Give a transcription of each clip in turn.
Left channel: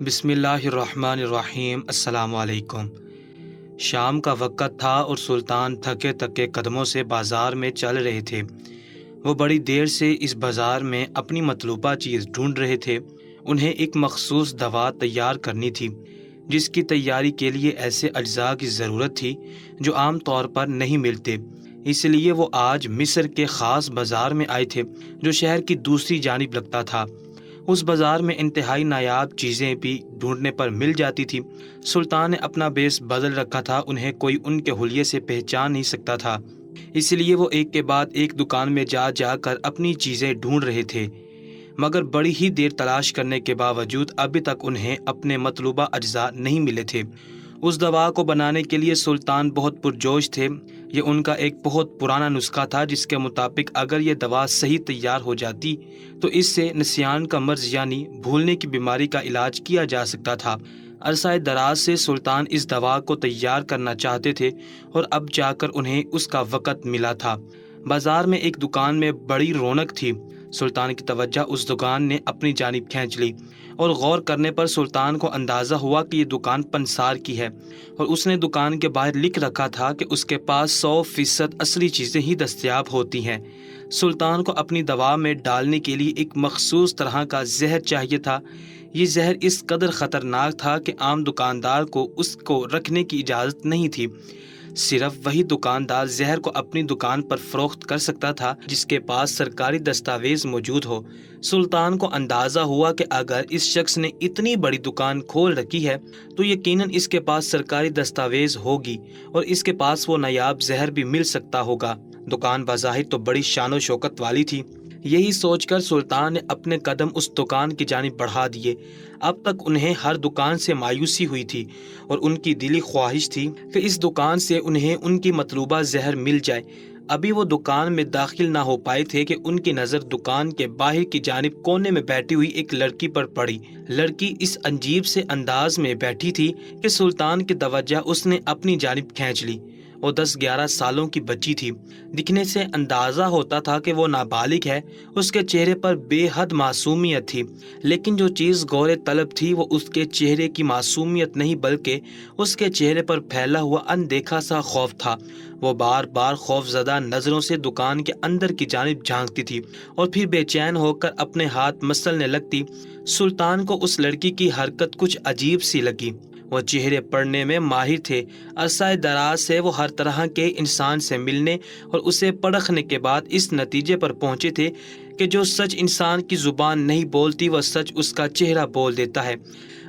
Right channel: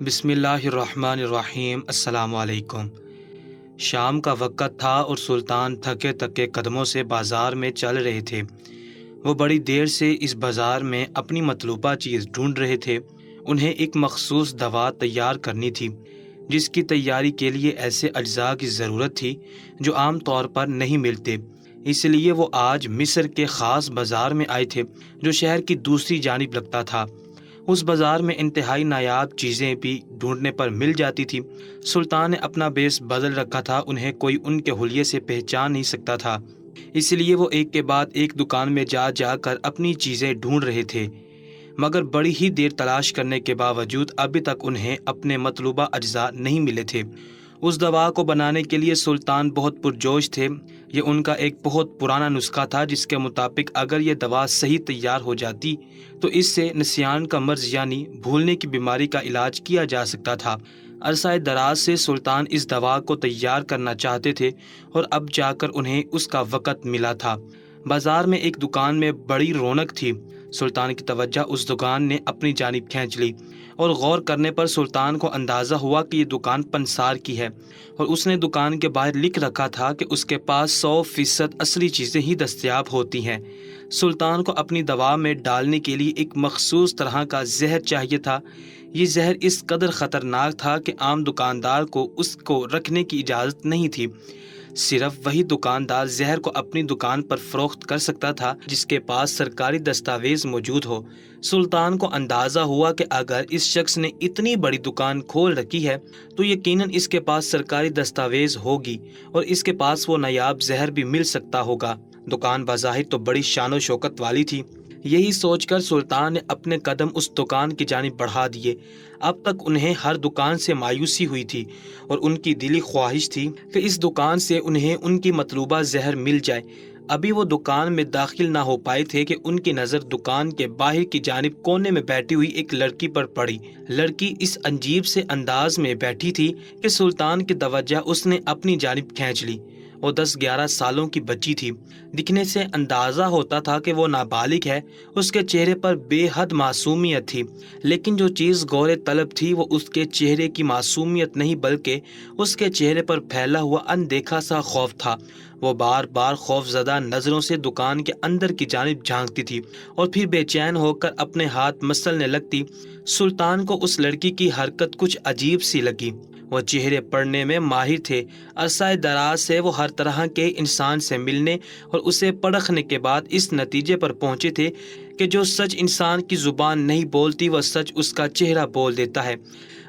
بسم اللہ الرحمن الرحیم۔ السلام علیکم۔ شام کا وقت تھا اور سلطان تھکے تھکے قدموں سے بازار میں چل رہے تھے۔ وہ بڑی دیر سے اس بازار میں اپنی مطلوبہ چیز ڈھونڈ رہے تھے۔ انہیں ایک مخصوص دوا تیار کرنی تھی، جس کی تیاری کے لیے ایسے اجزاء کی ضرورت تھی جو عام طور پر نہیں ملتے۔ اس لیے وہ آج مصر کے خاص بازار میں آئے تھے، جو شہر کی دوسری جانب لگتا تھا۔ اس بازار میں انتہائی نایاب چیزیں بھی ڈھونڈنے پر مل جاتی تھی۔ سلطان نے اپنا بیس بدل رکھا تھا، انہیں کوئی ان کے حلیے سے پہچان نہیں سکتا تھا، اس لیے وہ ایک کے بعد ایک دکان میں جا جا کر اپنی چیزیں ڈھونڈ رہے تھے، مگر بڑی ہی دیر تلاش کرنے کے باوجود ابھی تک انہیں اپنے مطلوبہ اجزاء نہیں ملے تھے۔ اس دوا کو بنانے کے لیے سلطان بہت پرجوش تھے۔ یہ ان کا ایک بہت پرانا نسخہ تھا، جس کے مطابق اگر یہ دوا صحیح تیار ہو جاتی تو اس سے نسیان کا مرض یعنی بھولنے کی بیماری کا علاج کیا جا سکتا تھا۔ عرصہ دراز سے سلطان اس دوا کو تیار کرنا چاہتے تھے اور اب جا کر انہیں اس کا وقت ملا تھا۔ بازار میں ایک دکان میں بڑی رونق تھی۔ سلطان کی توجہ اس دکان نے اپنی جانب کھینچ لی، اور غور کرنے پر سلطان کو اندازہ ہوا کہ یہ دکان پنسار کی ہے، اور اس نے دکان کے باہر لکھ رکھا تھا کہ اس کے پاس 100% اصلی چیزیں ہی دستیاب ہوتی ہیں۔ سلطان کو اپنی دوا میں ڈالنے کے لیے ایک مخصوص طرح کا زہر چاہیے تھا۔ یہ زہر اس قدر خطرناک تھا کہ عام دکاندار کو اس کو رکھنے کی اجازت نہیں تھی۔ صرف وہی دکاندار زہر کو اپنی دکان پر فروخت کر سکتا تھا جس کے پاس سرکاری دستاویز موجود ہو۔ سلطان کو اندازہ ہوا کہ اگر اس شخص نے اتنی بڑی دکان کھول رکھی ہے تو یقیناً اس کے پاس سرکاری دستاویز ہوگی اور اس کے پاس وہ نایاب زہر بھی مل سکتا ہوگا۔ دکان بظاہر تو بڑی شان و شوکت والی تھی۔ یہی سوچ کر سلطان نے اپنے قدم اس دکان کی جانب بڑھا دیے۔ اب تک انہیں ہر دکان سے مایوسی ہوئی تھی اور ان کی دلی خواہش تھی کہ اس دکان سے انہیں ان کی مطلوبہ زہر مل جائے۔ ابھی وہ دکان میں داخل نہ ہو پائے تھے کہ ان کی نظر دکان کے باہر کی جانب کونے میں بیٹھی ہوئی ایک لڑکی پر پڑی۔ لڑکی اس عجیب سے انداز میں بیٹھی تھی کہ سلطان کی توجہ اس نے اپنی جانب کھینچ لی۔ وہ 10-11 سالوں کی بچی تھی۔ دکھنے سے اندازہ ہوتا تھا کہ وہ نابالغ ہے۔ اس کے چہرے پر بے حد معصومیت تھی، لیکن جو چیز غور طلب تھی وہ اس کے چہرے کی معصومیت نہیں بلکہ اس کے چہرے پر پھیلا ہوا اندیکھا سا خوف تھا۔ وہ بار بار خوف زدہ نظروں سے دکان کے اندر کی جانب جھانکتی تھی اور پھر بے چین ہو کر اپنے ہاتھ مسلنے لگتی۔ سلطان کو اس لڑکی کی حرکت کچھ عجیب سی لگی۔ وہ چہرے پڑھنے میں ماہر تھے۔ عرصہ دراز سے وہ ہر طرح کے انسان سے ملنے اور اسے پرکھنے کے بعد اس نتیجے پر پہنچے تھے کہ جو سچ انسان کی زبان نہیں بولتی وہ سچ اس کا چہرہ بول دیتا ہے۔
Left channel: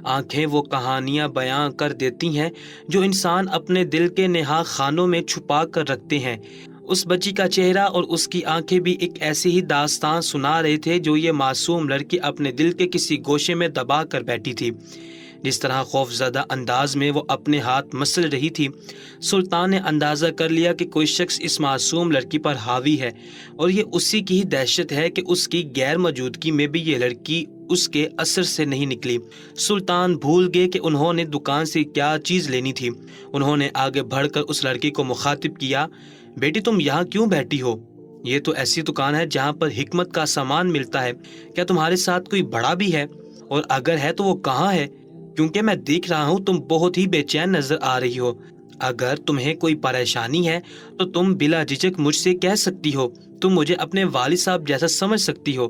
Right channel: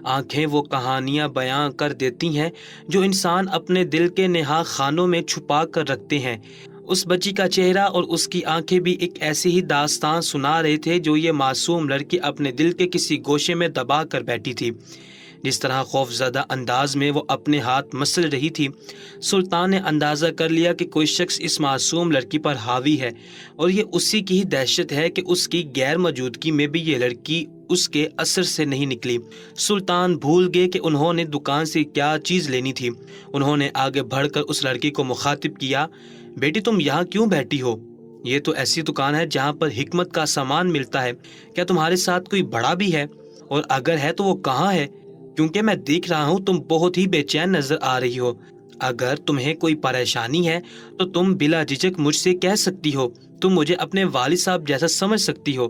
آنکھیں وہ کہانیاں بیاں کر دیتی ہیں جو انسان اپنے دل کے نہا خانوں میں چھپا کر رکھتے ہیں۔ اس بچی کا چہرہ اور اس کی آنکھیں بھی ایک ایسی ہی داستان سنا رہے تھے جو یہ معصوم لڑکی اپنے دل کے کسی گوشے میں دبا کر بیٹھی تھی۔ جس طرح خوف زدہ انداز میں وہ اپنے ہاتھ مسل رہی تھی، سلطان نے اندازہ کر لیا کہ کوئی شخص اس معصوم لڑکی پر حاوی ہے، اور یہ اسی کی ہی دہشت ہے کہ اس کی غیر موجودگی میں بھی یہ لڑکی اس کے اثر سے نہیں نکلی۔ سلطان بھول گئے کہ انہوں نے دکان سے کیا چیز لینی تھی۔ انہوں نے آگے بڑھ کر اس لڑکی کو مخاطب کیا، بیٹی تم یہاں کیوں بیٹھی ہو؟ یہ تو ایسی دکان ہے جہاں پر حکمت کا سامان ملتا ہے۔ کیا تمہارے ساتھ کوئی بڑا بھی ہے؟ اور اگر ہے تو وہ کہاں ہے؟ کیونکہ میں دیکھ رہا ہوں تم بہت ہی بے چین نظر آ رہی ہو۔ اگر تمہیں کوئی پریشانی ہے تو تم بلا جھجک مجھ سے کہہ سکتی ہو۔ تم مجھے اپنے والد صاحب جیسا سمجھ سکتی ہو۔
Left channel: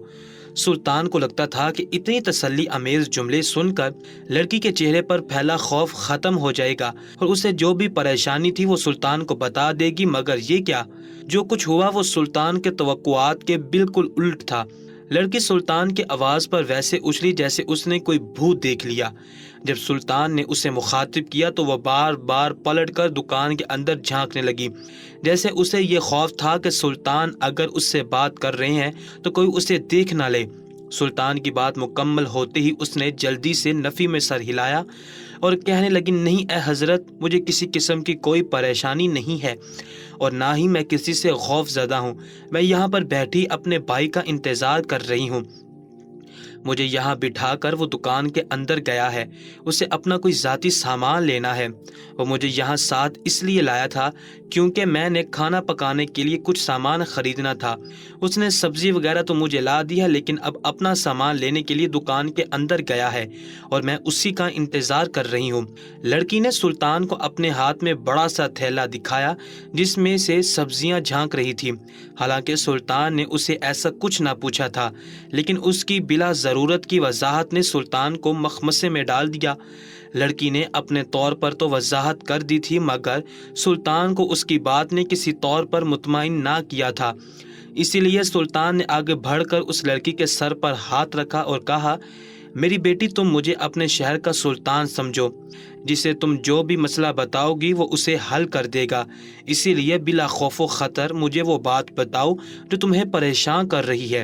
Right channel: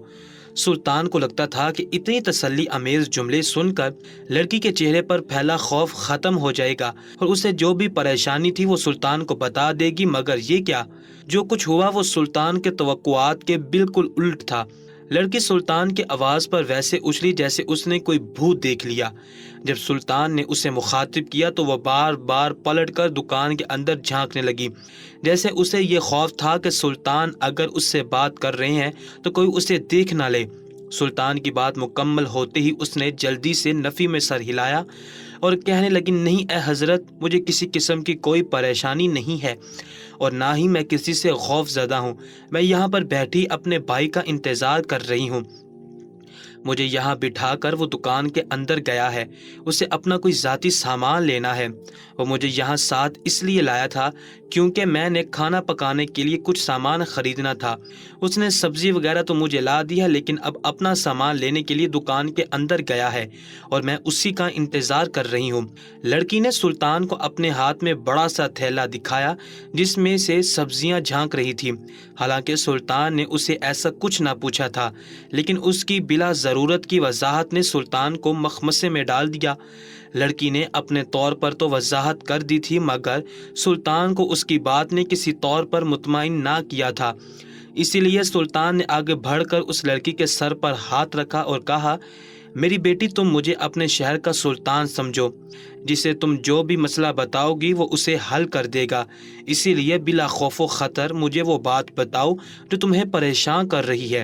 سلطان کو لگتا تھا کہ اتنی تسلی امیز جملے سن کر لڑکی کے چہرے پر پھیلا خوف ختم ہو جائے گا اور اسے جو بھی پریشانی تھی وہ سلطان کو بتا دے گی، مگر یہ کیا؟ جو کچھ ہوا وہ سلطان کے توقعات کے بالکل الٹ تھا۔ لڑکی سلطان کی آواز پر ویسے اچھلی جیسے اس نے کوئی بھوت دیکھ لیا۔ جب سلطان نے اسے مخاطب کیا تو وہ بار بار پلٹ کر دکان کے اندر جھانکنے لگی، جیسے اسے یہ خوف تھا کہ سلطان اگر اس سے بات کر رہے ہیں تو کوئی اسے دیکھ نہ لے۔ سلطان کی بات مکمل ہوتے ہی اس نے جلدی سے نفی میں سر ہلایا اور کہنے لگی، نہیں اے حضرت، مجھے کسی قسم کی کوئی پریشانی نہیں ہے اور نہ ہی میں کسی سے خوف زدہ ہوں۔ میں یہاں پر بیٹھی اپنے بھائی کا انتظار کر رہی ہوں۔ مجھے یہاں بٹھا کر وہ دکان کے اندر گیا ہے، اسے اپنا کوئی ذاتی سامان لینا ہے۔ وہ مجھے یہاں ساتھ اس لیے لایا تھا کیونکہ میں نے کھانا پکانے کے لیے کچھ سامان خریدنا تھا۔ اس نے سبزی وغیرہ تو مجھے لا دی ہے، لیکن اب اپنا سامان لینے کے لیے دکان کے اندر گیا ہے اور میں اسی کا انتظار کر رہی ہوں۔ لڑکی نے سلطان کو اپنے ہاتھ میں بڑا سا تھیلا دکھایا جس میں سے سبزیاں جھانک رہی تھی۔ حالانکہ سلطان نے اسے ایسا کچھ نہ پوچھا تھا، لیکن اس کی بلا ضرورت کی وضاحت نے سلطان کو مخمصے میں ڈال دیا۔ لڑکی نے اپنے طور پر تو وضاحت کر دی تھی، مگر سلطان کو اس کی بات نے کسی طور پر مطمئن نہ کیا تھا۔ اسی لیے سلطان نے آگے بڑھ کر اس لڑکی کے سر پر ہاتھ رکھا اور کہا، میری بیٹی، تم مجھے اپنے شہر کا سلطان سمجھو، جسے تم جو بھی مسئلہ بتاؤ گی وہ اسے حل کر دے گا۔ اسی لیے بلا خوف و خطر مجھے وہ بات بتاؤ جو تمہیں پریشان کر رہی ہے،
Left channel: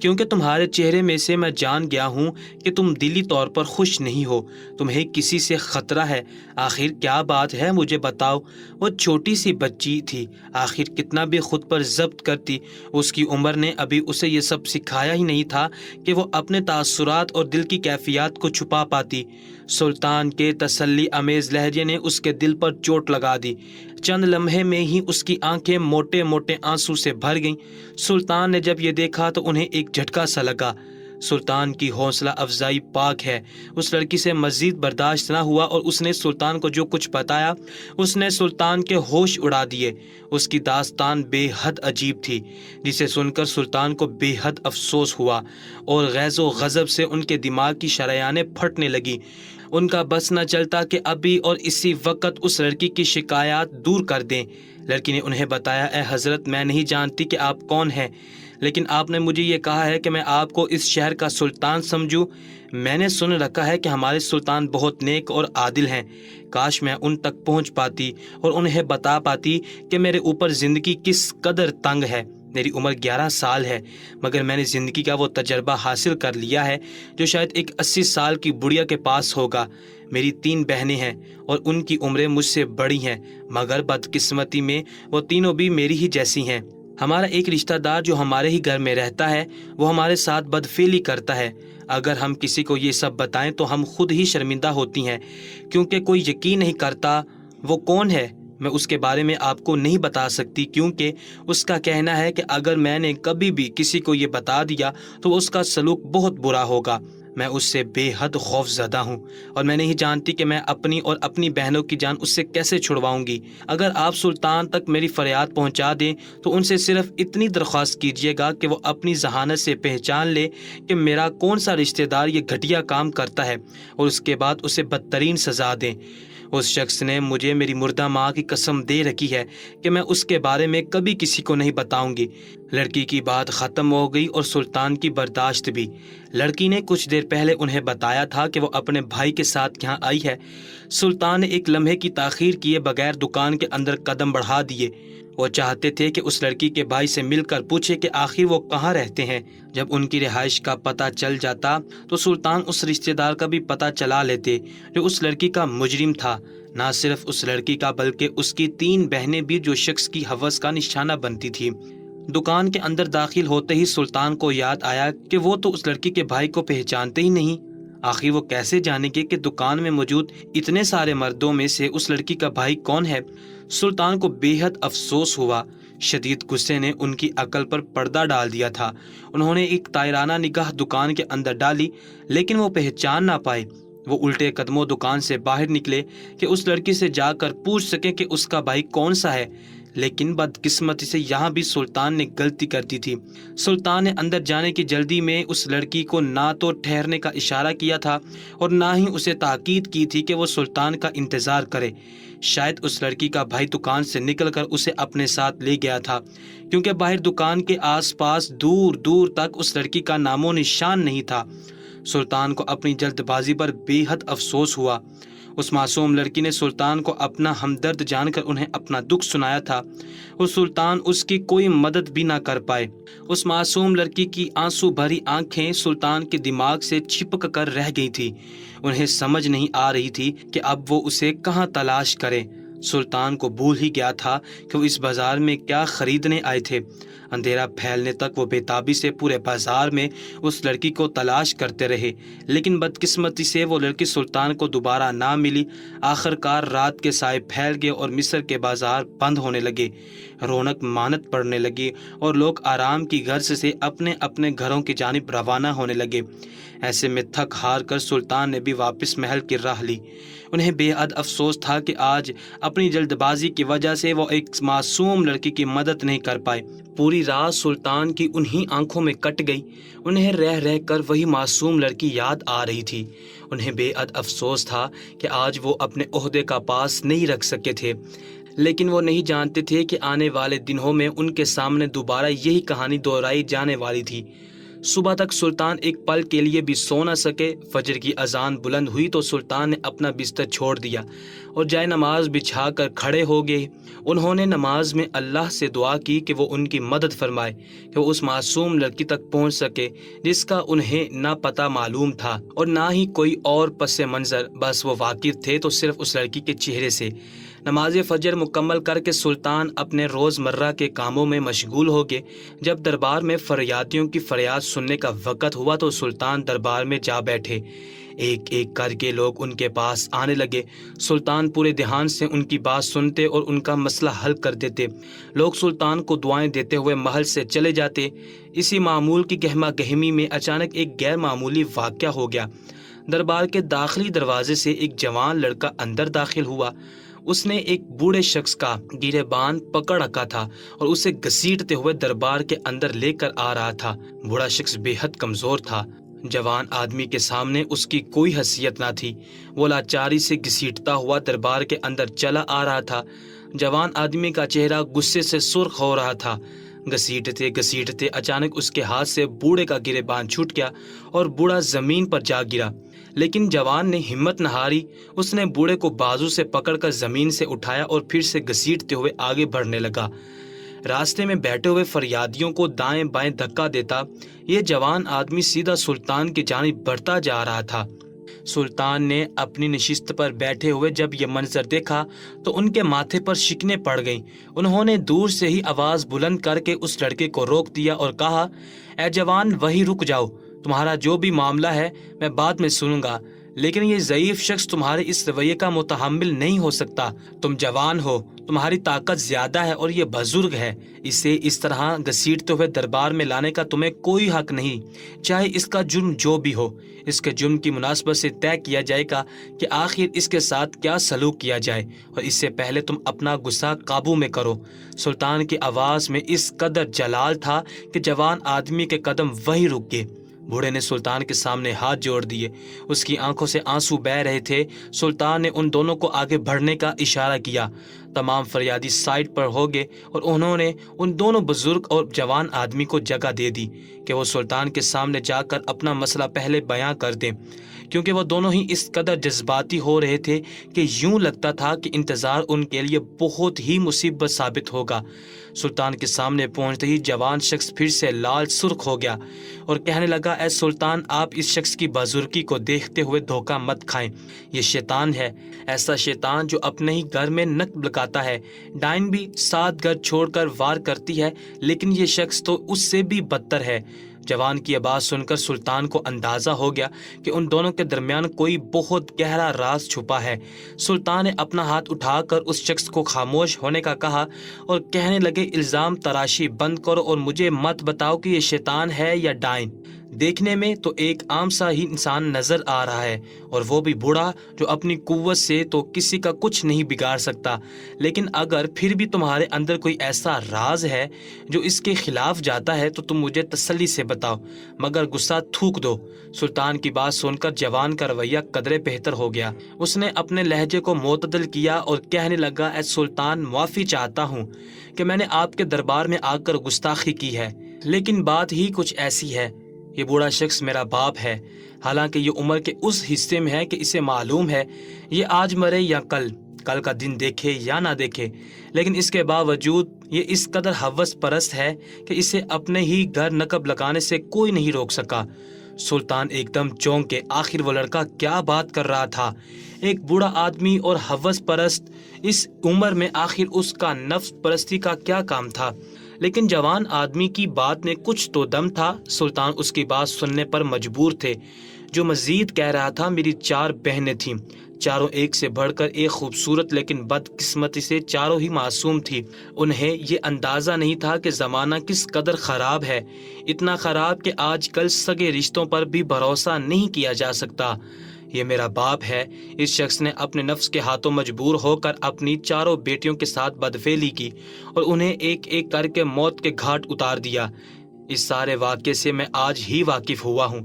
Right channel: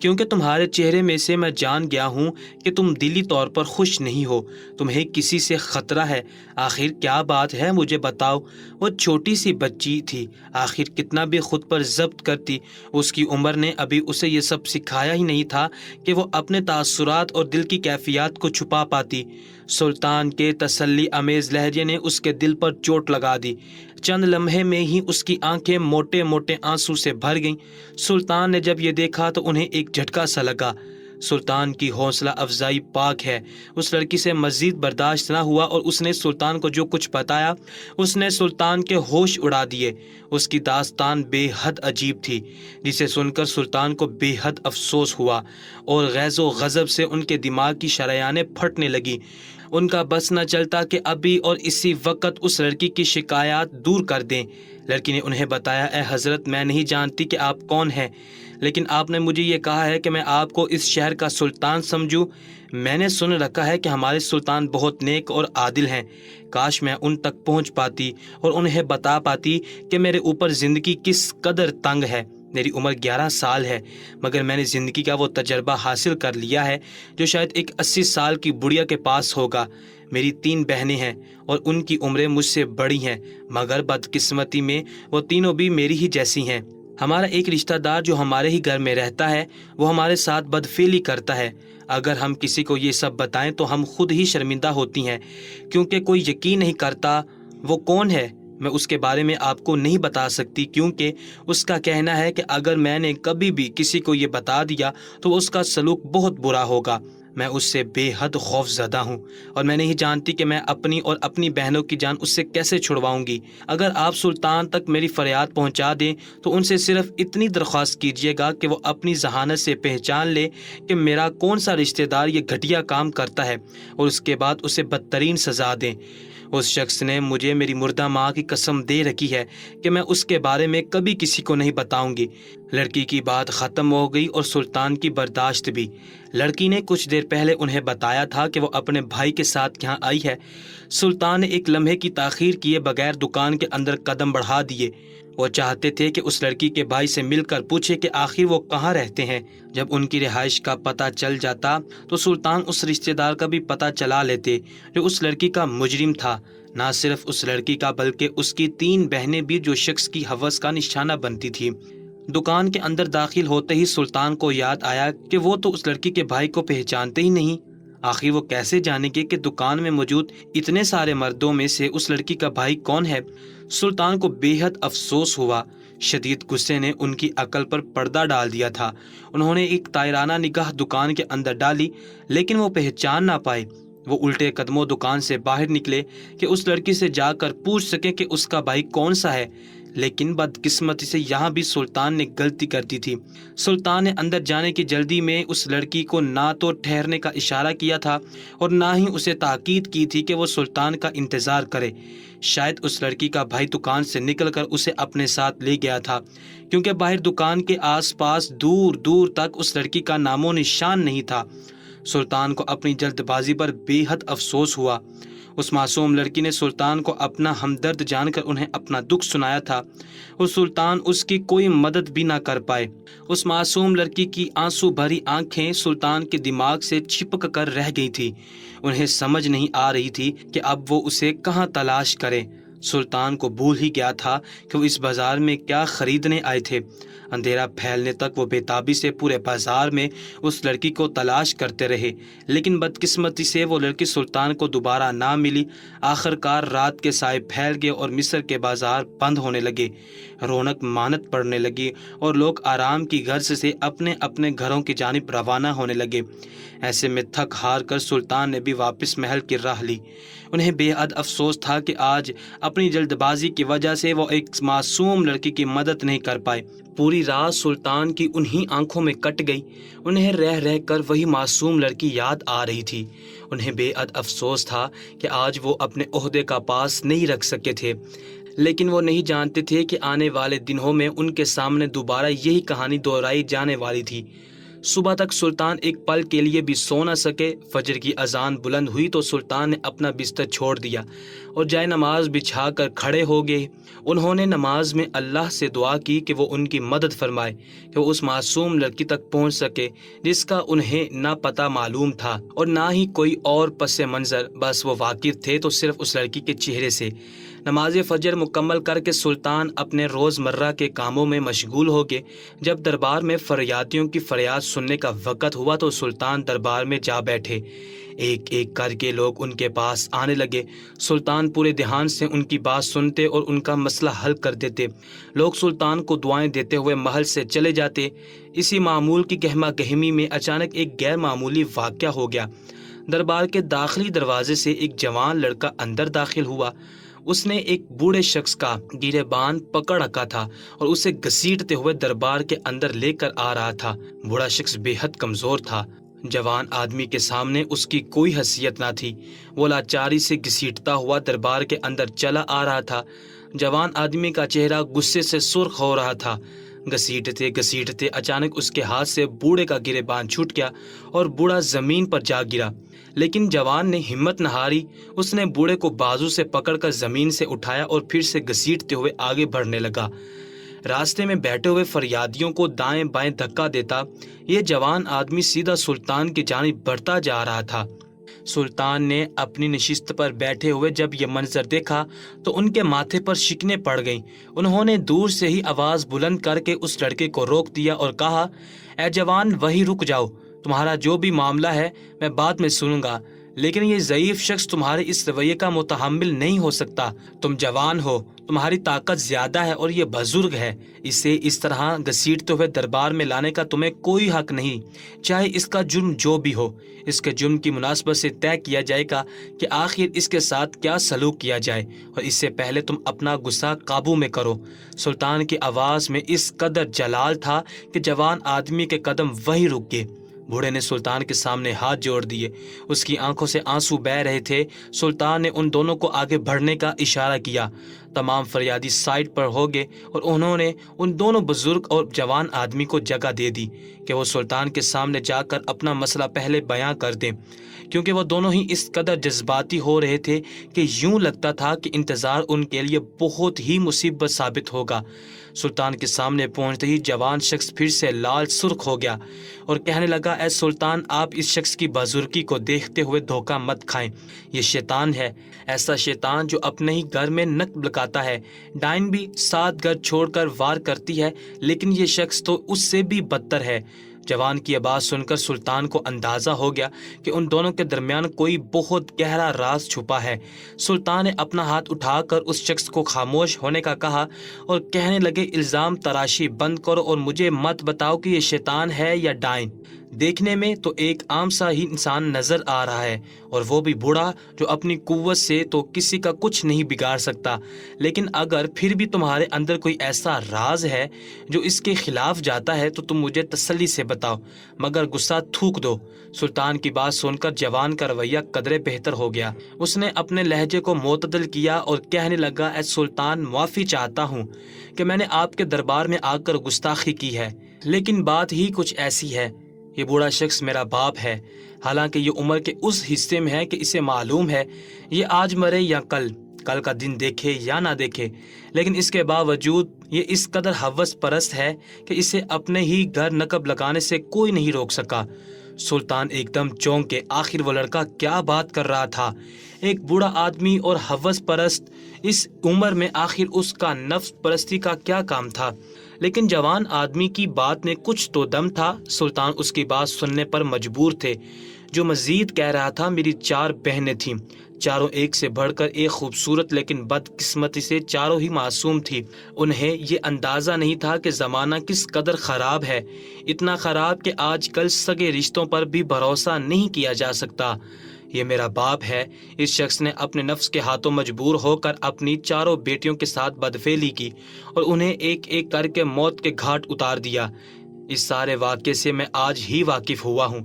کیونکہ تمہارے چہرے میں سے میں جان گیا ہوں کہ تم دلی طور پر خوش نہیں ہو، تمہیں کسی سے خطرہ ہے۔ آخر کیا بات ہے، مجھے بتاؤ۔ وہ چھوٹی سی بچی تھی، آخر کتنا بھی خود پر ضبط کرتی، اس کی عمر نے ابھی اسے یہ سب سکھایا ہی نہیں تھا کہ وہ اپنے تاثرات اور دل کی کیفیات کو چھپا پاتی۔ سلطان کے تسلی امیز لہجے نے اس کے دل پر چوٹ لگا دی۔ چند لمحے میں ہی اس کی آنکھیں موٹے موٹے آنسو سے بھر گئیں۔ سلطان نے جب یہ دیکھا تو انہیں ایک جھٹکا سا لگا۔ سلطان کی حوصلہ افزائی پاک ہے۔ اس لڑکی سے مزید برداشت نہ ہوا اور اس نے سلطان کو جو کچھ بتایا اس نے سلطان کے ہوش اڑا دیے۔ اس کی داستان بے حد عجیب تھی، جسے سن کر سلطان کو بے حد افسوس ہوا اور غیظ و غضب سے ان کے دماغ کی شریانیں پھٹنے لگی۔ ان کا بس نہ چلتا کہ ابھی اور اسی وقت اس لڑکی کی شکایات دور کر دیں۔ لڑکی نے انہیں بتایا، اے حضرت، میں نہیں جانتی کہ آپ کون ہیں، لیکن آپ نے مجھے یہ کہا ہے کہ میں آپ کو اس شہر کا سلطان سمجھوں۔ میں نے سن رکھا ہے کہ ہمارے سلطان بہت نیک اور عادل ہیں۔ کاش میں ان تک پہنچ پاتی اور انہیں بتا پاتی کہ میرے اوپر زندگی کس قدر تنگ ہے۔ میری عمر 11 سال ہے، مگر میں نے زندگی کا وہ تجربہ حاصل کر لیا ہے جو شاید ایک 80 سال کی بڑھیا کے پاس ہوگا۔ میری 3 بہنیں ہیں اور ان کی عمریں مجھ سے بڑی ہیں، مگر بدقسمتی میں وہ تینوں بھی میری ہی جیسی ہیں۔ ہمارا ایک رشتہ دار جو ہمارے ہی گھر میں رہتا ہے وہ ہمارے ساتھ بدفعلی کرتا ہے۔ اگر ہم کسی کو یہ سب بتائیں تو ہم خود ہی شرمندہ ہوتی ہیں، کیونکہ کوئی یقین نہیں کرتا۔ وہ کون ہے میں اس کے بارے میں آپ کو نہیں بتا سکتی، کیونکہ اس کا کہنا ہے کہ اگر میں نے کبھی بھی کسی کو یہ بتا دیا تو اس کا سلوک بہت برا ہوگا۔ میں اس سے بے حد خوف زدہ ہوں اور میں نہیں جانتی کہ میں اپنی اور اپنی بہنوں کی جان اس سے کیسے چھڑواؤں گی۔ اگر آپ سلطان تک میری فریاد پہنچا دیں تو ان سے صرف اتنی درخواست کیجیے گا کہ وہ اپنی ذہانت سے پہچان لے کہ میرا کون سا رشتہ دار یہ گھٹیا کام کرتا ہے، اور اس کے بعد اسے بدترین سزا دیں۔ اس شخص نے مجھے میری مردہ ماں کی قسم دے رکھی ہے کہ میں اس کے بارے میں کبھی کسی کو نہیں بتاؤں گی۔ لڑکی کی بات ختم ہو گئی اور سلطان کی برداشت بھی۔ لڑکی نے کچھ دیر پہلے انہیں بتایا تھا کہ وہ اپنے بھائی کے ساتھ یہاں آئی ہے۔ سلطان نے ایک لمحے کی تاخیر کیے بغیر دکان کے اندر قدم بڑھا دیے۔ وہ چاہتے تھے کہ اس لڑکی کے بھائی سے مل کر پوچھے کہ آخر وہ کہاں رہتے ہیں۔ جب ان کی رہائش کا پتہ چل جاتا تو سلطان اس رشتہ دار کا بھی پتہ چلا لیتے جو اس لڑکی کا مجرم تھا۔ نہ صرف اس لڑکی کا بلکہ اس کی 3 بہنیں بھی جو شخص کی ہوس کا نشانہ بنتی تھی۔ دکان کے اندر داخل ہوتے ہی سلطان کو یاد آیا کہ وہ تو اس لڑکی کے بھائی کو پہچانتے ہی نہیں۔ آخر وہ کیسے جانیں گے کہ دکان میں موجود اتنے سارے مردوں میں سے اس لڑکی کا بھائی کون ہے؟ سلطان کو بے حد افسوس ہوا۔ شدید غصے نے ان کی عقل پر پردہ ڈال دیا تھا۔ انہوں نے ایک طائرانہ نگاہ دکان کے اندر ڈالی، لیکن وہ پہچان نہ پائے۔ وہ الٹے قدموں دکان سے باہر نکلے کہ اس لڑکی سے جا کر پوچھ سکے کہ اس کا بھائی کون سا ہے، لیکن بدقسمتی سے یہاں بھی سلطان نے غلطی کر دی تھی۔ سلطان نے اندر جانے کی جلدی میں اس لڑکی کو نہ تو ٹھہرنے کا اشارہ کیا تھا اور نہ ہی اسے تاکید کی تھی کہ وہ سلطان کا انتظار کرے۔ شاید اس لڑکی کا بھائی دکان سے نکل کر اسے اپنے ساتھ لے گیا تھا، کیونکہ باہر دکان کے آس پاس دور دور تک اس لڑکی کا نام و نشان نہیں تھا۔ سلطان کو اپنی جلد بازی پر بے حد افسوس ہوا۔ اس معصوم لڑکی نے سلطان کو اپنا ہمدرد جان کر انہیں اپنا دکھ سنایا تھا اور سلطان اس کی کوئی مدد بھی نہ کر پائے۔ اس معصوم لڑکی کی آنسو بھری آنکھیں سلطان کے دماغ سے چپک کر رہ گئی تھی۔ انہیں سمجھ نہیں آ رہی تھی کہ اب وہ اسے کہاں تلاش کرے۔ سلطان کو بھول ہی گیا تھا کہ وہ اس بازار میں کیا خریدنے آئے تھے۔ اندھیرا پھیلنے تک وہ بےتابی سے پورے بازار میں اس لڑکی کو تلاش کرتے رہے، لیکن بدقسمتی سے وہ لڑکی سلطان کو دوبارہ نہ ملی۔ آخر کار رات کے سائے پھیل گئے اور مصر کے بازار بند ہونے لگے، رونق ماند پڑنے لگی اور لوگ آرام کی غرض سے اپنے اپنے گھروں کی جانب روانہ ہونے لگے۔ ایسے میں تھک ہار کر سلطان نے بھی واپس محل کی راہ لی۔ انہیں بے حد افسوس تھا کہ آج اپنی جلد بازی کی وجہ سے وہ ایک معصوم لڑکی کی مدد نہیں کر پائے۔ پوری رات سلطان کی انہی آنکھوں میں کٹ گئی، انہیں رہ رہ کر وہی معصوم لڑکی یاد آ رہی تھی۔ انہیں بے حد افسوس تھا کہ آج وہ اپنے عہدے کا پاس نہیں رکھ سکے تھے، لیکن وہ نہیں جانتے تھے کہ آنے والے دنوں میں ان کے سامنے دوبارہ یہی کہانی دہرائی جانے والی تھی۔ صبح تک سلطان ایک پل کے لیے بھی سو نہ سکے۔ فجر کی اذان بلند ہوئی تو سلطان نے اپنا بستر چھوڑ دیا اور جائے نماز بچھا کر کھڑے ہو گئے۔ انہوں نے نماز میں اللہ سے دعا کی کہ وہ ان کی مدد فرمائے کہ وہ اس معصوم لڑکی تک پہنچ سکے جس کا انہیں نہ پتہ معلوم تھا اور نہ ہی کوئی اور پس منظر، بس وہ واقف تھے تو صرف اس لڑکی کے چہرے سے۔ نماز فجر مکمل کر کے سلطان اپنے روزمرہ کے کاموں میں مشغول ہو گئے۔ جب دربار میں فریادیوں کی فریاد سننے کا وقت ہوا تو سلطان دربار میں جا بیٹھے۔ ایک ایک کر کے لوگ ان کے پاس آنے لگے۔ سلطان پورے دھیان سے ان کی بات سنتے اور ان کا مسئلہ حل کر دیتے۔ لوگ سلطان کو دعائیں دیتے ہوئے محل سے چلے جاتے۔ اسی معمول کی گہما گہمی میں اچانک ایک غیر معمولی واقعہ ہو گیا۔ دربار کے داخلی دروازے سے ایک جوان لڑکا اندر داخل ہوا۔ اس نے ایک بوڑھے شخص کا گریبان پکڑ رکھا تھا اور اسے گھسیٹتے ہوئے دربار کے اندر لے کر آ رہا تھا۔ بوڑھا شخص بے حد کمزور تھا۔ جوان آدمی کے سامنے اس کی کوئی حیثیت نہ تھی۔ وہ لاچاری سے گھسیٹتا ہوا دربار کے اندر چلا آ رہا تھا۔ جوان آدمی کا چہرہ غصے سے سرخ ہو رہا تھا۔ گھسیٹتے گھسیٹتے اچانک اس کے ہاتھ سے بوڑھے کا گریبان چھوٹ گیا اور بوڑھا زمین پر جا گرا، لیکن جوان نے ہمت نہ ہاری۔ اس نے بوڑھے کو بازو سے پکڑ کر زمین سے اٹھایا اور پھر سے گھسیٹتے ہوئے آگے بڑھنے لگا۔ راستے میں بیٹھے ہوئے فریادیوں کو دائیں بائیں دھکا دیتا یہ جوان آدمی سیدھا سلطان کی جانب بڑھتا جا رہا تھا۔ سلطان نے اپنی نشست پر بیٹھے ہوئے جب یہ منظر دیکھا تو ان کے ماتھے پر شکنیں پڑ گئیں۔ انہوں نے دور سے ہی آواز بلند کر کے اس لڑکے کو روک دیا اور کہا، اے جوان، وہیں رک جاؤ، تمہارا جو بھی معاملہ ہے میں بعد میں سنوں گا، لیکن یہ ضعیف شخص تمہارے اس رویے کا متحمل نہیں ہو سکتا۔ تم جوان ہو، تمہاری طاقت زیادہ ہے اور یہ بزرگ ہے، اسے اس طرح گھسیٹتے ہوئے دربار میں لانے کا تمہیں کوئی حق نہیں، چاہے اس کا جرم جو بھی ہو۔ اس کے جرم کی مناسبت سے طے کیا جائے گا کہ آخر اس کے ساتھ کیا سلوک کیا جائے، اور اس سے پہلے تم اپنا غصہ قابو میں کرو۔ سلطان کی آواز میں اس قدر جلال تھا کہ جوان آدمی کے قدم وہیں رک گئے۔ بوڑھے نے سلطان کے سامنے ہاتھ جوڑ دیے، اس کی آنکھوں سے آنسو بہہ رہے تھے۔ سلطان نے ان دونوں کو آگے بڑھنے کا اشارہ کیا۔ تمام فریادی سائڈ پر ہو گئے اور انہوں نے ان دونوں بزرگ اور جوان آدمی کو جگہ دے دی کہ وہ سلطان کے سامنے جا کر اپنا مسئلہ پہلے بیاں کر دیں، کیونکہ وہ دونوں ہی اس قدر جذباتی ہو رہے تھے کہ یوں لگتا تھا کہ انتظار ان کے لیے بہت ہی مصیبت ثابت ہوگا۔ سلطان کے سامنے پہنچتے ہی جوان شخص پھر سے لال سرخ ہو گیا اور کہنے لگا، اے سلطان، آپ اس شخص کی بزرگی کو دیکھتے ہوئے دھوکہ مت کھائیں۔ یہ شیطان ہے، ایسا شیطان جو اپنے ہی گھر میں نک بلکاتا ہے۔ ڈائن بھی 7 گھر چھوڑ کر وار کرتی ہے، لیکن یہ شخص تو اس سے بھی بدتر ہے۔ جوان کی آواز سن کر سلطان کو اندازہ ہو گیا کہ ان دونوں کے درمیان کوئی بہت گہرا راز چھپا ہے۔ سلطان نے اپنا ہاتھ اٹھا کر اس شخص کو خاموش ہونے کا کہا اور کہنے لگے، الزام تراشی بند کرو اور مجھے مت بتاؤ کہ یہ شیطان ہے یا ڈائن۔ دیکھنے میں تو ایک عام سا ہی انسان نظر آ رہا ہے، اور وہ بھی بوڑھا جو اپنی قوت سے تو کسی کا کچھ نہیں بگاڑ سکتا، لیکن اگر پھر بھی تمہارے اندر کوئی ایسا راز ہے جو اس کے خلاف جاتا ہے تو تم مجھے تسلی سے بتاؤ، مگر غصہ تھوک دو۔ سلطان کی بات سن کر جوان کا رویہ قدرے بہتر ہو گیا۔ اس نے اپنے لہجے کو معتدل کیا اور کہنے لگا، اے سلطان، معافی چاہتا ہوں کہ میں نے آپ کے دربار میں آ کر گستاخی کی ہے، لیکن بات ہی کچھ ایسی ہے۔ یہ بوڑھا شخص میرا باپ ہے، حالانکہ یہ عمر کے اس حصے میں ہے کہ اسے معلوم ہے یہ آج مرے یا کل کا دن دیکھے یا نہ دیکھے، لیکن اس کے باوجود یہ اس قدر ہوس پرست ہے کہ اسے اپنے ہی گھر نقب لگانے سے کوئی نہیں روک سکا۔ سلطان ایک دم چونک کے، آخر وہ لڑکا کیا بات کر رہا تھا؟ ایک بوڑھا آدمی اور ہوس پرست، اس عمر میں آخر اس کا نفس پرستی کا کیا کام تھا؟ لیکن جوان آدمی کی بات میں کچھ تو دم تھا۔ سلطان اس کی بات سننے پر مجبور تھے۔ جو مزید کہہ رہا تھا، میری 4 بہنیں تھیں، چاروں ایک سے بڑھ کر ایک خوبصورت، لیکن بدقسمتی سے چاروں ہی معصوم تھی۔ انہیں یہ اندازہ نہیں تھا کہ زمانہ کس قدر خراب ہے، اتنا خراب کہ آج کل سگے رشتوں پر بھی بھروسہ نہیں کیا جا سکتا۔ یہ میرا باپ ہے۔ اس شخص نے اپنے نفس کے ہاتھوں مجبور ہو کر اپنی چاروں بیٹیوں کے ساتھ بدفعلی کی اور انہیں ایک ایک کر کے موت کے گھاٹ اتار دیا۔ اس سارے واقعے سے میں آج ہی واقف ہوا ہوں،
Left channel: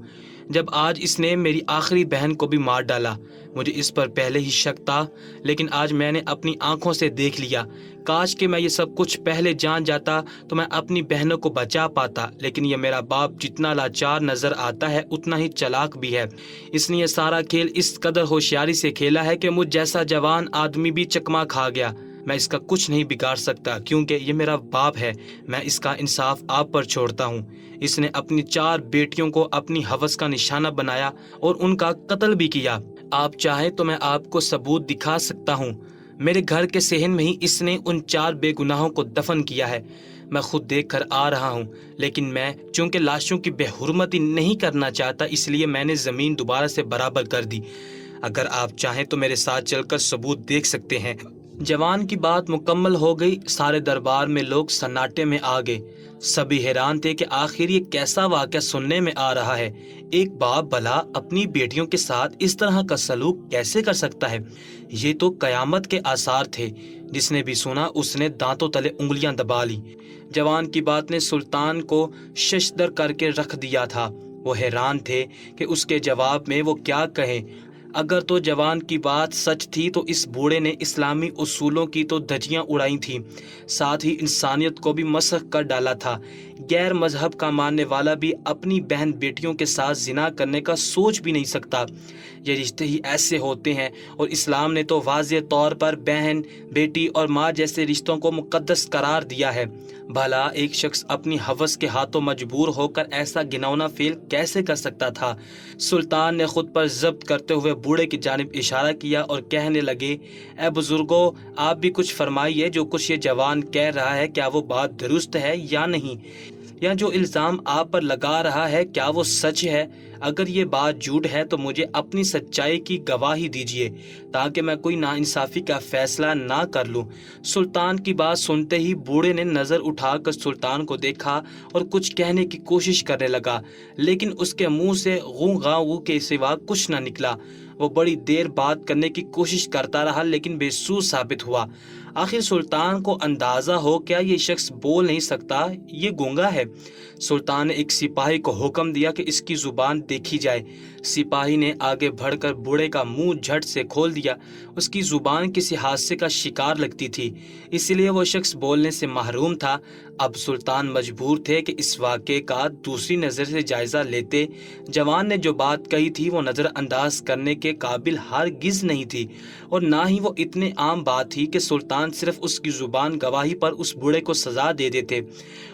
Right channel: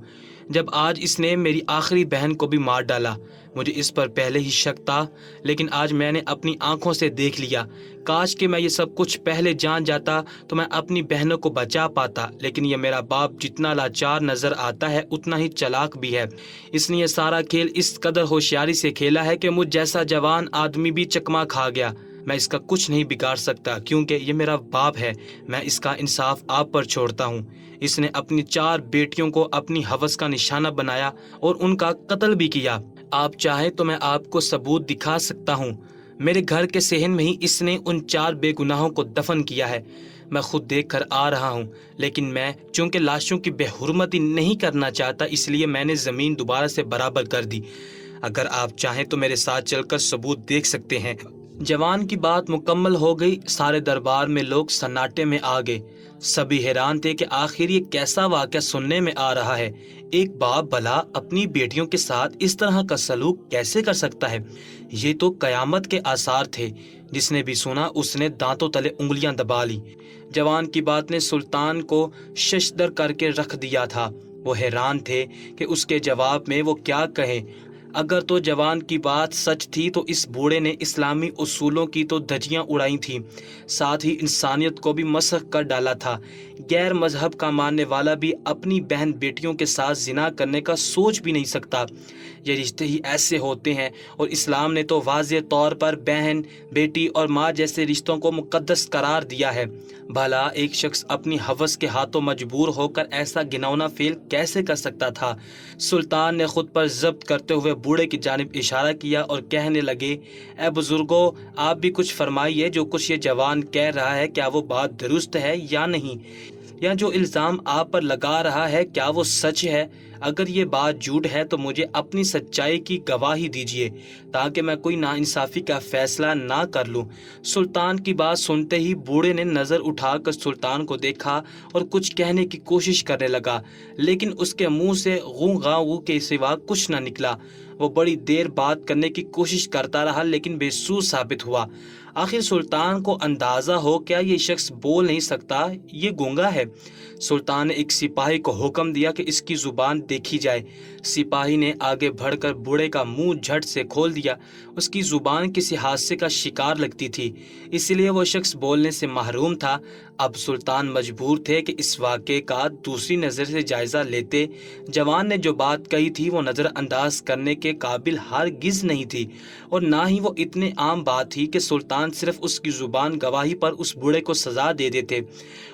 جب آج اس نے میری آخری بہن کو بھی مار ڈالا۔ مجھے اس پر پہلے ہی شک تھا، لیکن آج میں نے اپنی آنکھوں سے دیکھ لیا۔ کاش کہ میں یہ سب کچھ پہلے جان جاتا تو میں اپنی بہنوں کو بچا پاتا، لیکن یہ میرا باپ جتنا لاچار نظر آتا ہے اتنا ہی چلاک بھی ہے۔ اس نے یہ سارا کھیل اس قدر ہوشیاری سے کھیلا ہے کہ مجھ جیسا جوان آدمی بھی چکما کھا گیا۔ میں اس کا کچھ نہیں بگاڑ سکتا کیونکہ یہ میرا باپ ہے۔ میں اس کا انصاف آپ پر چھوڑتا ہوں۔ اس نے اپنی 4 بیٹیوں کو اپنی ہوس کا نشانہ بنایا اور ان کا قتل بھی کیا۔ آپ چاہیں تو میں آپ کو ثبوت دکھا سکتا ہوں۔ میرے گھر کے صحن میں ہی اس نے ان 4 بے گناہوں کو دفن کیا ہے۔ میں خود دیکھ کر آ رہا ہوں، لیکن میں چونکہ لاشوں کی بے حرمتی نہیں کرنا چاہتا، اس لیے میں نے زمین دوبارہ سے برابر کر دی۔ اگر آپ چاہیں تو میرے ساتھ چل کر ثبوت دیکھ سکتے ہیں۔ جوان کی بات مکمل ہو گئی۔ سارے دربار میں لوگ سناٹے میں آ گئے۔ سبھی حیران تھے کہ آخر یہ کیسا واقعہ سننے میں آ رہا ہے۔ ایک باپ بھلا اپنی بیٹیوں کے ساتھ اس طرح کا سلوک کیسے کر سکتا ہے؟ یہ تو قیامت کے آثار تھے۔ جس نے بھی سنا اس نے دانتوں تلے انگلیاں دبا لی۔ جوان کی بات نے سلطان کو ششدر کر کے رکھ دیا تھا۔ وہ حیران تھے کہ اس کے جواب میں وہ کیا کہیں۔ اگر تو جوان کی بات سچ تھی تو اس بوڑھے نے اسلامی اصولوں کی تو دھجیاں اڑائی تھیں، ساتھ ہی انسانیت کو بھی مسخ کر ڈالا تھا۔ غیر مذہب کا ماننے والا بھی اپنی بہن بیٹیوں کے ساتھ زنا کرنے کا سوچ بھی نہیں سکتا۔ یہ رشتے ہی ایسے ہوتے ہیں، اور اسلام نے تو واضح طور پر بہن، بیٹی اور ماں جیسے رشتوں کو مقدس قرار دیا ہے۔ بھلا ایک شخص اپنی ہوس کے ہاتھوں مجبور ہو کر ایسا گھناؤنا فعل کیسے کر سکتا تھا؟ سلطان نے خود پر ضبط کرتے ہوئے بوڑھے کی جانب اشارہ کیا اور کہنے لگے، اے بزرگوں، آپ بھی کچھ فرمائیے۔ جو کچھ یہ جوان کہہ رہا ہے کیا وہ بات درست ہے یا نہیں؟ یا جو الزام آپ پر لگا رہا ہے کیا وہ سچ ہے؟ اگر یہ بات جھوٹ ہے تو مجھے اپنی سچائی کی گواہی دیجیے تاکہ میں کوئی ناانصافی کا فیصلہ نہ کر لوں۔ سلطان کی بات سنتے ہی بوڑھے نے نظر اٹھا کر سلطان کو دیکھا اور کچھ کہنے کی کوشش کرنے لگا، لیکن اس کے منہ سے غوں غاں غوں کے سوا کچھ نہ نکلا۔ وہ بڑی دیر بات کرنے کی کوشش کرتا رہا لیکن بے سود ثابت ہوا۔ آخر سلطان کو اندازہ ہو کیا یہ شخص بول نہیں سکتا، یہ گونگا ہے۔ سلطان نے ایک سپاہی کو حکم دیا کہ اس کی زبان دیکھی جائے۔ سپاہی نے آگے بڑھ کر بوڑھے کا منہ جھٹ سے کھول دیا۔ اس کی زبان کسی حادثے کا شکار لگتی تھی، اس لیے وہ شخص بولنے سے محروم تھا۔ اب سلطان مجبور تھے کہ اس واقعے کا دوسری نظر سے جائزہ لیتے۔ جوان نے جو بات کہی تھی وہ نظر انداز کرنے کے قابل ہرگز نہیں تھی، اور نہ ہی وہ اتنے عام بات تھی کہ سلطان صرف اس کی زبان گواہی پر اس بوڑھے کو سزا دے دیتے۔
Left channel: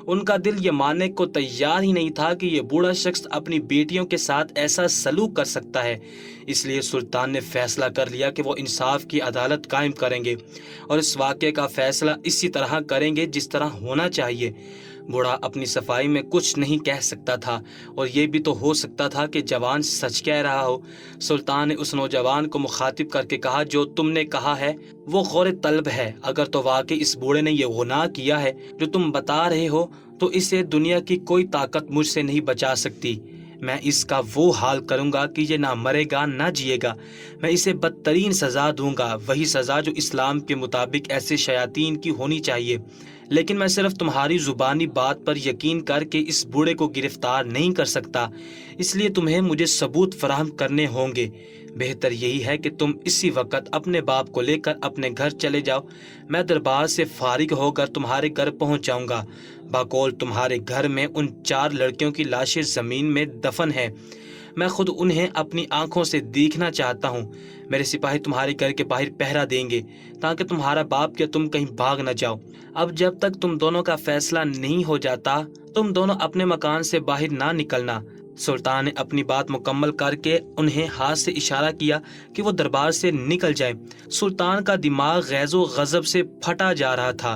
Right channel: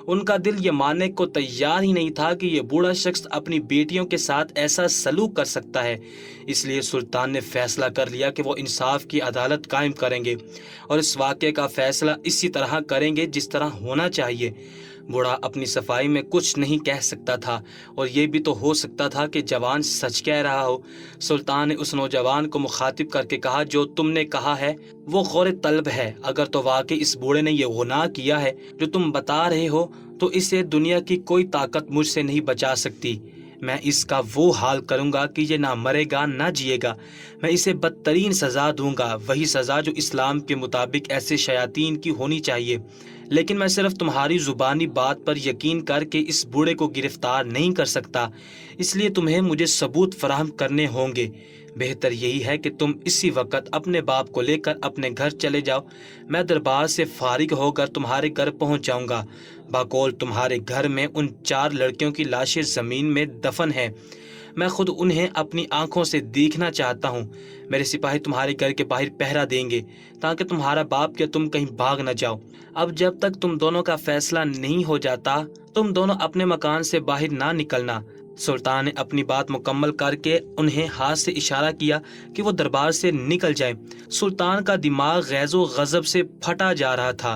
ان کا دل یہ ماننے کو تیار ہی نہیں تھا کہ یہ بوڑھا شخص اپنی بیٹیوں کے ساتھ ایسا سلوک کر سکتا ہے۔ اس لیے سلطان نے فیصلہ کر لیا کہ وہ انصاف کی عدالت قائم کریں گے اور اس واقعے کا فیصلہ اسی طرح کریں گے جس طرح ہونا چاہیے۔ بوڑھا اپنی صفائی میں کچھ نہیں کہہ سکتا تھا، اور یہ بھی تو ہو سکتا تھا کہ جوان سچ کہہ رہا ہو۔ سلطان نے اس نوجوان کو مخاطب کر کے کہا، جو تم نے کہا ہے وہ غور طلب ہے۔ اگر تو واقعی اس بوڑھے نے یہ گناہ کیا ہے جو تم بتا رہے ہو تو اسے دنیا کی کوئی طاقت مجھ سے نہیں بچا سکتی۔ میں اس کا وہ حال کروں گا کہ یہ نہ مرے گا نہ جیے گا۔ میں اسے بدترین سزا دوں گا، وہی سزا جو اسلام کے مطابق ایسے شیاطین کی ہونی چاہیے۔ لیکن میں صرف تمہاری زبانی بات پر یقین کر کے اس بوڑھے کو گرفتار نہیں کر سکتا، اس لیے تمہیں مجھے ثبوت فراہم کرنے ہوں گے۔ بہتر یہی ہے کہ تم اسی وقت اپنے باپ کو لے کر اپنے گھر چلے جاؤ۔ میں دربار سے فارغ ہو کر تمہارے گھر پہنچ جاؤں گا۔ بقول تمہارے گھر میں ان 4 لڑکیوں کی لاشیں زمین میں دفن ہیں۔ میں خود انہیں اپنی آنکھوں سے دیکھنا چاہتا ہوں۔ میرے سپاہی تمہارے گھر کے باہر پہرا دیں گے تاکہ تمہارا باپ کہ تم کہیں بھاگ نہ جاؤ۔ اب جب تک تم دونوں کا فیصلہ نہیں ہو جاتا تم دونوں اپنے مکان سے باہر نہ نکلنا۔ سلطان نے اپنی بات مکمل کر کے انہیں ہاتھ سے اشارہ کیا کہ وہ دربار سے نکل جائیں۔ سلطان کا دماغ غیظ و غضب سے پھٹا جا رہا تھا۔